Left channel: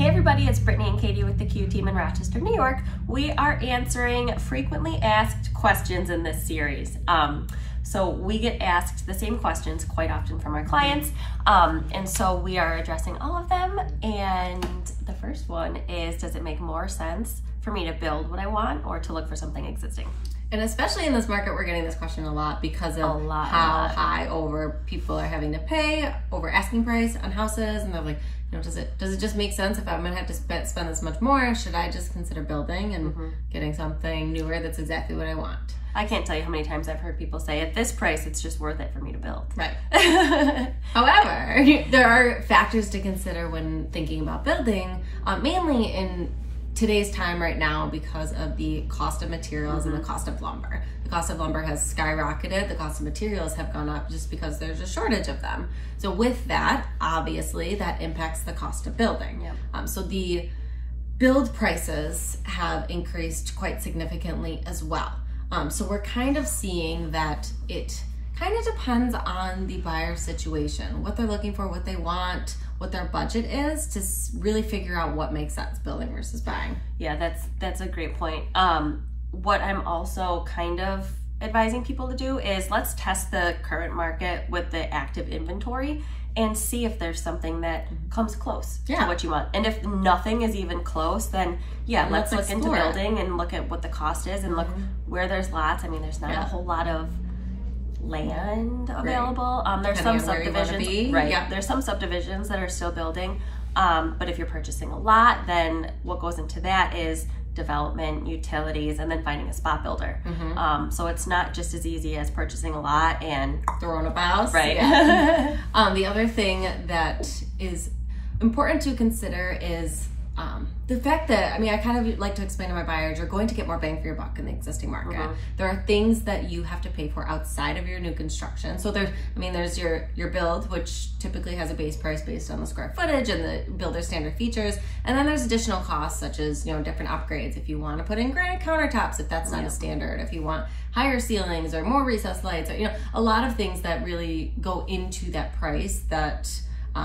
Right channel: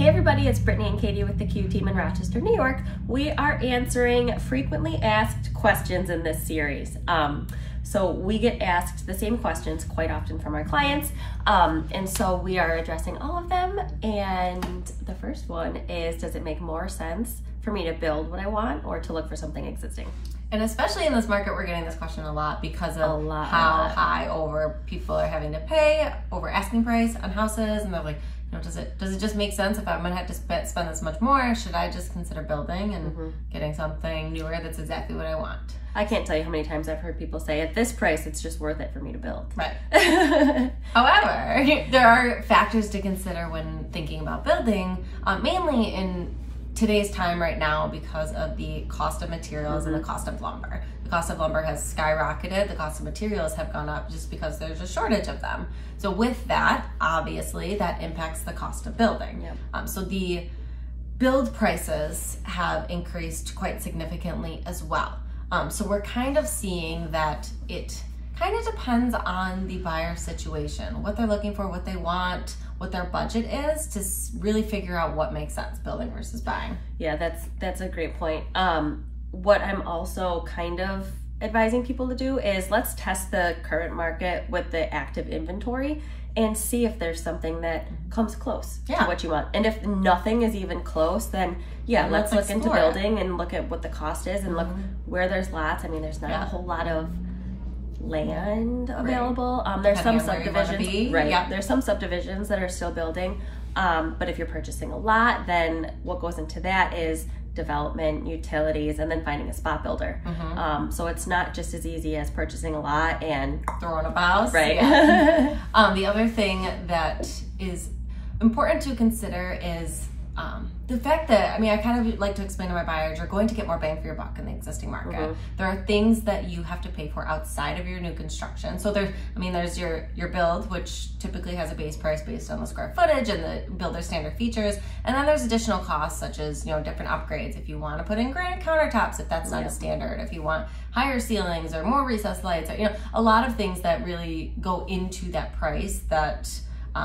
Hey everybody, it's Brittany and Katie with the Q team in Rochester, New York. We are answering frequently asked questions in this series. So we get asked the same questions quite often from our clients. And so we are addressing all of them. And the first one is, does it make more sense for me to build what I want or to look for something existing? And especially in this market, we're getting this question a lot because of how high over people are having to pay over asking price on houses. And they're like, you know, does it just make sense if I'm gonna have to spend this much more? Should I just consider building and getting something newer that's exactly what I want? I can't tell you how many times I've heard people say, at this price, it's just worth it for me to build. Right. However, there are factors to consider when thinking about building, mainly in today's time right now because of the cost of materials and the cost of lumber. The cost of lumber has skyrocketed. The cost of materials have gone up just because there's a shortage of them. So with that, obviously, that impacts the cost of building. Yep. So the build prices have increased quite significantly as well. So we're kind of seeing that it kind of depends on the buyer situation, what they're looking for, what they want, what their budget is, to really figure out what makes sense, building versus buying. Yeah, that's a great point. What I'm also kind of advising people to do is let's test the current market with the active inventory and see if there's something that comes close to what you want. And if nothing is even close, then let's look into building and look at what the cost is and look where there's lots. I mean, there's not a whole lot of land available. There's some subdivisions, there's some subdivisions that are still building. But if you're purchasing a lot, then what goes into that is development, utilities, and then finding a spot builder. So it's not just as easy as purchasing a lot and throwing a house. Right. The other thing that is important to consider is the fact that, I mean, I kind of like to explain to my buyers, you're going to get more bang for your buck in the existing market. There are things that you have to pay for outside of your new construction. So there's your build, which typically has a base price based on the square footage and the builder standard features. And then there's additional costs such as, you know, different upgrades. If you want to put in granite countertops, if that's not a standard, if you want higher ceilings or more recessed lights, or, you know, a lot of things that really go into that price that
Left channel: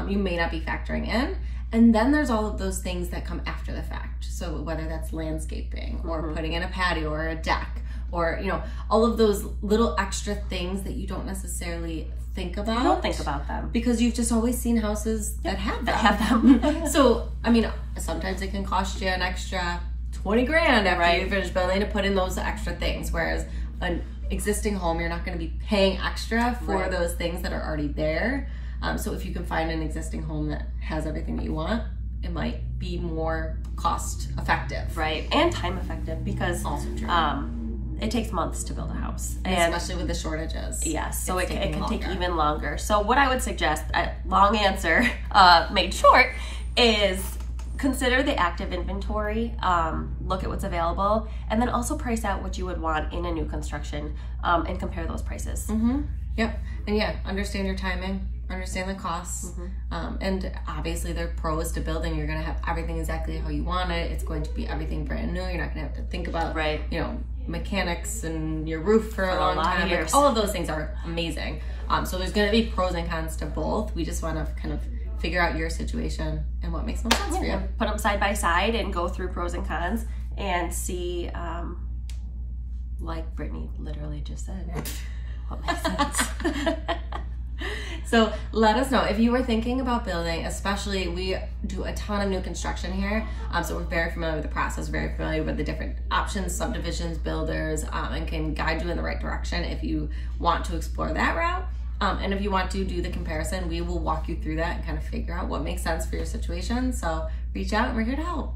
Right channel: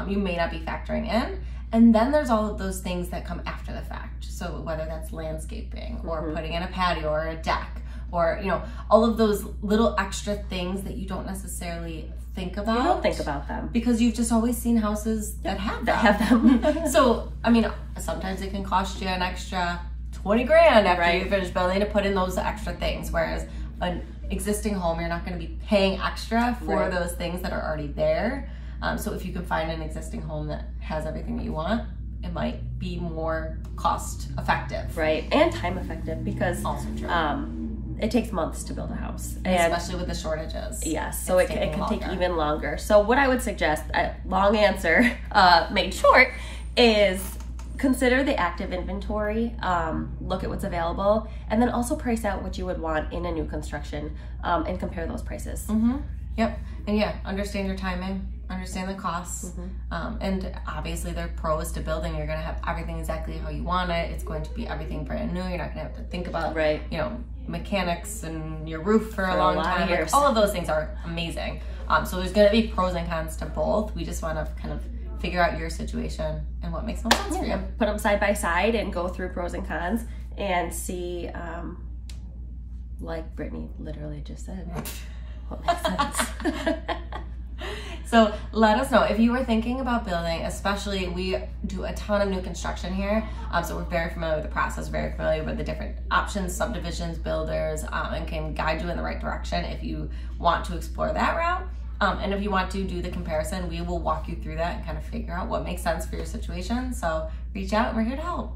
you may not be factoring in. And then there's all of those things that come after the fact. So whether that's landscaping or putting in a patio or a deck or, you know, all of those little extra things that you don't necessarily think about. You don't think about them. Because you've just always seen houses that have them. So, I mean, sometimes it can cost you an extra 20 grand after you finish building to put in those extra things. Whereas an existing home, you're not going to be paying extra for those things that are already there. So if you can find an existing home that has everything that you want, it might be more cost effective. Right, and time effective because also true. It takes months to build a house. And especially with the shortages. Yes, so it can take even longer. So what I would suggest, long answer made short, is consider the active inventory, look at what's available, and then also price out what you would want in a new construction and compare those prices. Yep, and understand your timing. Understand the costs, and obviously there are pros to building. You're going to have everything exactly how you want it. It's going to be everything brand new. You're not going to have to think about you know, mechanics and your roof for a long time. Like, all of those things are amazing. So there's going to be pros and cons to both. We just want to kind of figure out your situation and what makes most sense for you. Put them side by side and go through pros and cons and see, like Brittany literally just said, what makes sense. So let us know if you were thinking about building, especially we do a ton of new construction here. So we're very familiar with the process, very familiar with the different options, subdivisions, builders, and can guide you in the right direction if you want to explore that route. And if you want to do the comparison, we will walk you through that and kind of figure out what makes sense for your situation. So reach out and we're here to help.